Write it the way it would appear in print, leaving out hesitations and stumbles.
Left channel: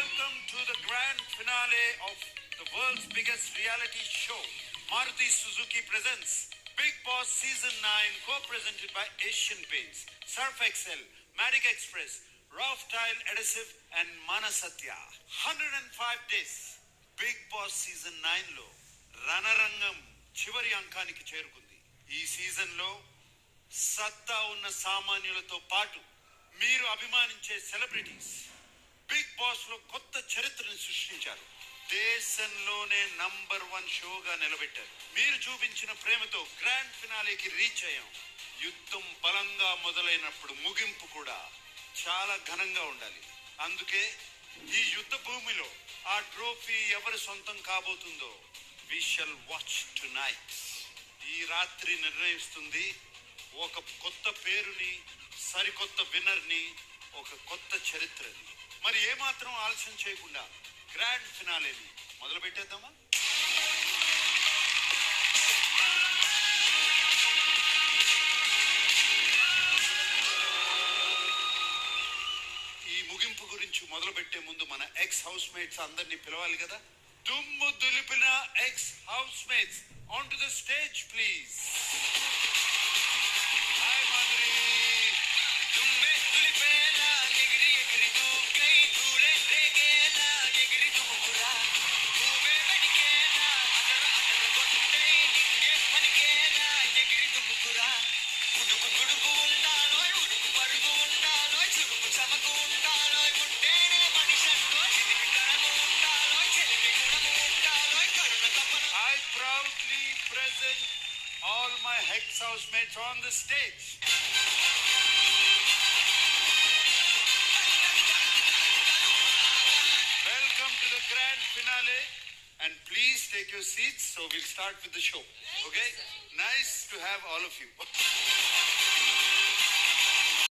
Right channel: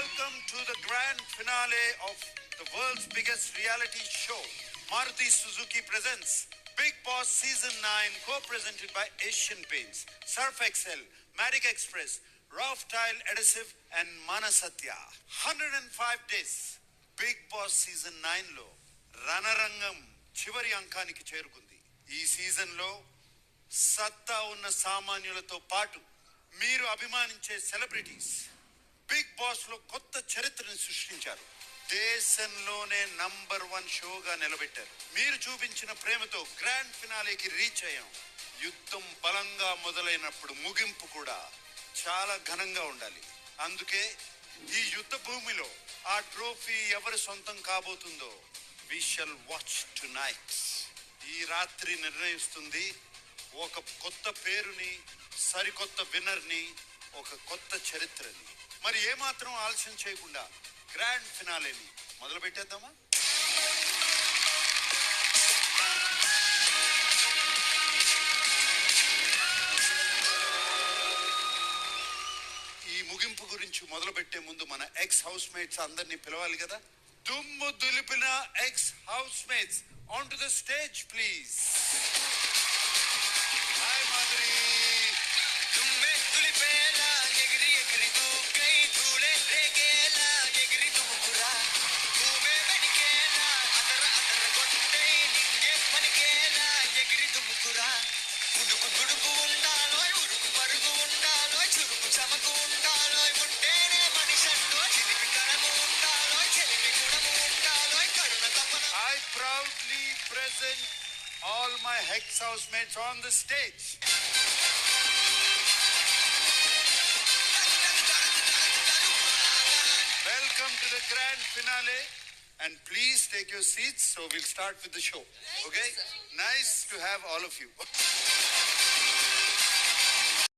Welcome to the grand finale of the world's biggest reality show. Maruti Suzuki presents Bigg Boss Season 9, co-presented by Asian Paints, Surf Excel, Matic Express, Rough Tile Adhesive and Manasatya. 105 days. Bigg Boss Season 9 లో రణరంగం చివరి అంకానికి చేరుకుంది. ఈ season లో సత్తా ఉన్న సామాన్యులతో పాటు మీరు అభిమానించే సెలబ్రిటీస్ బిగ్ బాస్ లో కొత్త చరిత్రను సృష్టించారు. దేశంలోనే నంబర్ 1 షోగా నిలబెట్టారు. మీరు చూపించిన ప్రేమతో గ్రాండ్ ఫినాలేకి రీచ్ అయ్యాం. యుద్ధం బలంగా మొదలైనప్పుడు ముగింపు కూడా చాలా ఘనంగా ఉండాలి. అందుకే ఈ యుద్ధ భూమిలో ఆ ట్రోఫీ ఎవరి సొంతం కాబోతుందో వి షల్ వాచ్ టునైట్. ఈ రాత్రి నిర్ణయిస్తుంది ఒక కొత్త పేరుని, సరికొత్త విన్నర్ని, ఒక కొత్త చరిత్రని. మరి ఏమాత్రం ఆలస్యం చేయకుండా గ్రాండ్ ఫినాలేని మొదలు పెట్టేద్దామా? ఈ ముగింపు గురించి మొదలు పెట్టే ముందు మన ఎక్స్ హౌస్ మేట్స్ అందరినీ పిలవాలి కదా. దుమ్ము దులిపిన ex house mates on to the stage please. Hi Madhuri. All my Hex housemates on the stage. Welcome to the grand finale and please take your seats so we'll start with the show. Okay? Nice to have all of you.